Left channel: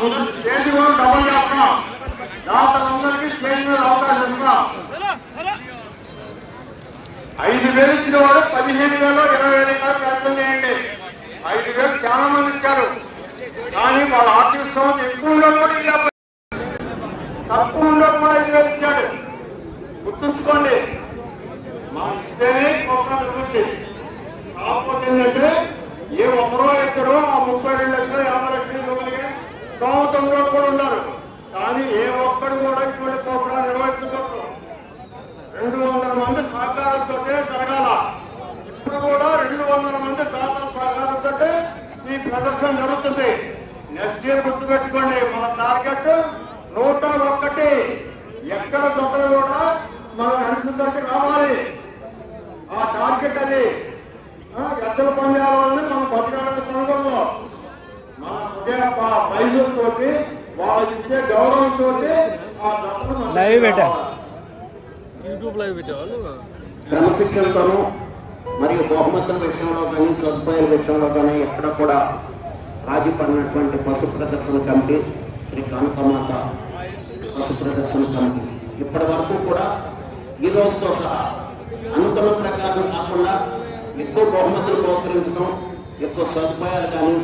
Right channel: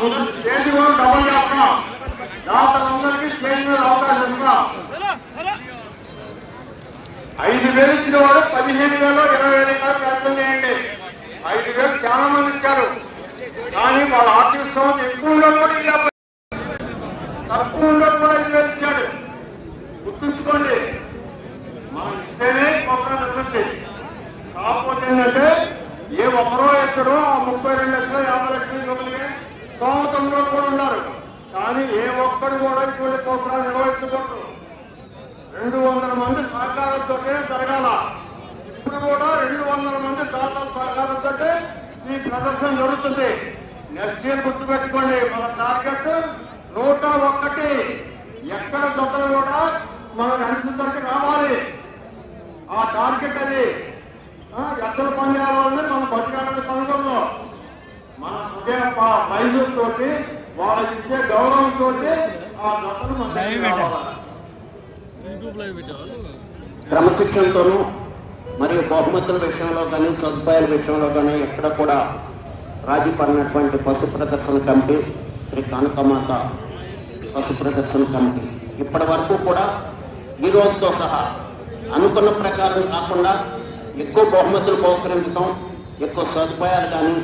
Stage కూడా double చేస్తున్నాం దాతలందరికీ stage మీద అవకాశం ఇస్తున్నాం ఐదు వేలు ఇచ్చిన వాడు పదిహేను వేలు ఇరవై వేలు ప్రయత్నం చేయండి. ఐదు వేలు చాలా మంది ఇచ్చారు. కానీ వాళ్ళ ఆర్థిక స్థోమత ఎక్కువ కూడా తక్కువ ఉండదు కూడా ఐదు వేలు ఇచ్చాడు గుర్తుంచుకోండి. మనం ఇస్తేనే ప్రోగ్రాం కాకపోతే ఏంటంటే ఏ ఒక్కరో ఎక్కడో ఆ ముప్పై రెండు లక్షలు యాభై లక్షలు ఇవ్వగలిగే స్తోమతంలో కూడా ఉన్నారు కానీ ఏ ఒక్కడు కూడా ఇటువంటి ప్రోగ్రాం నిర్వహించకూడదు రెండు వందల మంది సహకారంతో జరగాల. ఇప్పుడు కూడా రెండు వందల మంది దాతల సహకారంతో ఈ ప్రదర్శన జరుగుతుంది. నెక్స్ట్ ఇయర్ గుర్తుపెట్టుకోండి మన టార్గెట్ నూట ఒక్కటి. ఎక్కడ దొంగలు కూడా మన అంచుతరికి రావాలి. ఆ టార్గెట్ అది. ఎద్దల పందాల వల్లనే మనం బతకాలని కనుగొందో మన హృదయ మైదులతోటి వాళ్ళకి ఇచ్చే గౌరవంతో ఆ. రావాలి. యూట్యూబ్ లైవ్ పెట్టేవాళ్ళు. క్రమశిక్షణతోనూ మరియు బహుమతుల విషయంలో కానీ సదుపాయాల విషయంలో కానీ ఎక్కడ కూడా రాజీ పడినటువంటి పశు ప్రదర్శన కమిటీ శ్రీ కానుకమాత పశు ప్రదర్శన కమిటీ. ఇప్పటి వరకు కూడా ఈ రోజుతో సహా అనుకున్న ప్రకారం కాకుండా ఎక్కువ బహుమతులు బహుకరించడం ఎక్కువ సదుపాయాలు కానీ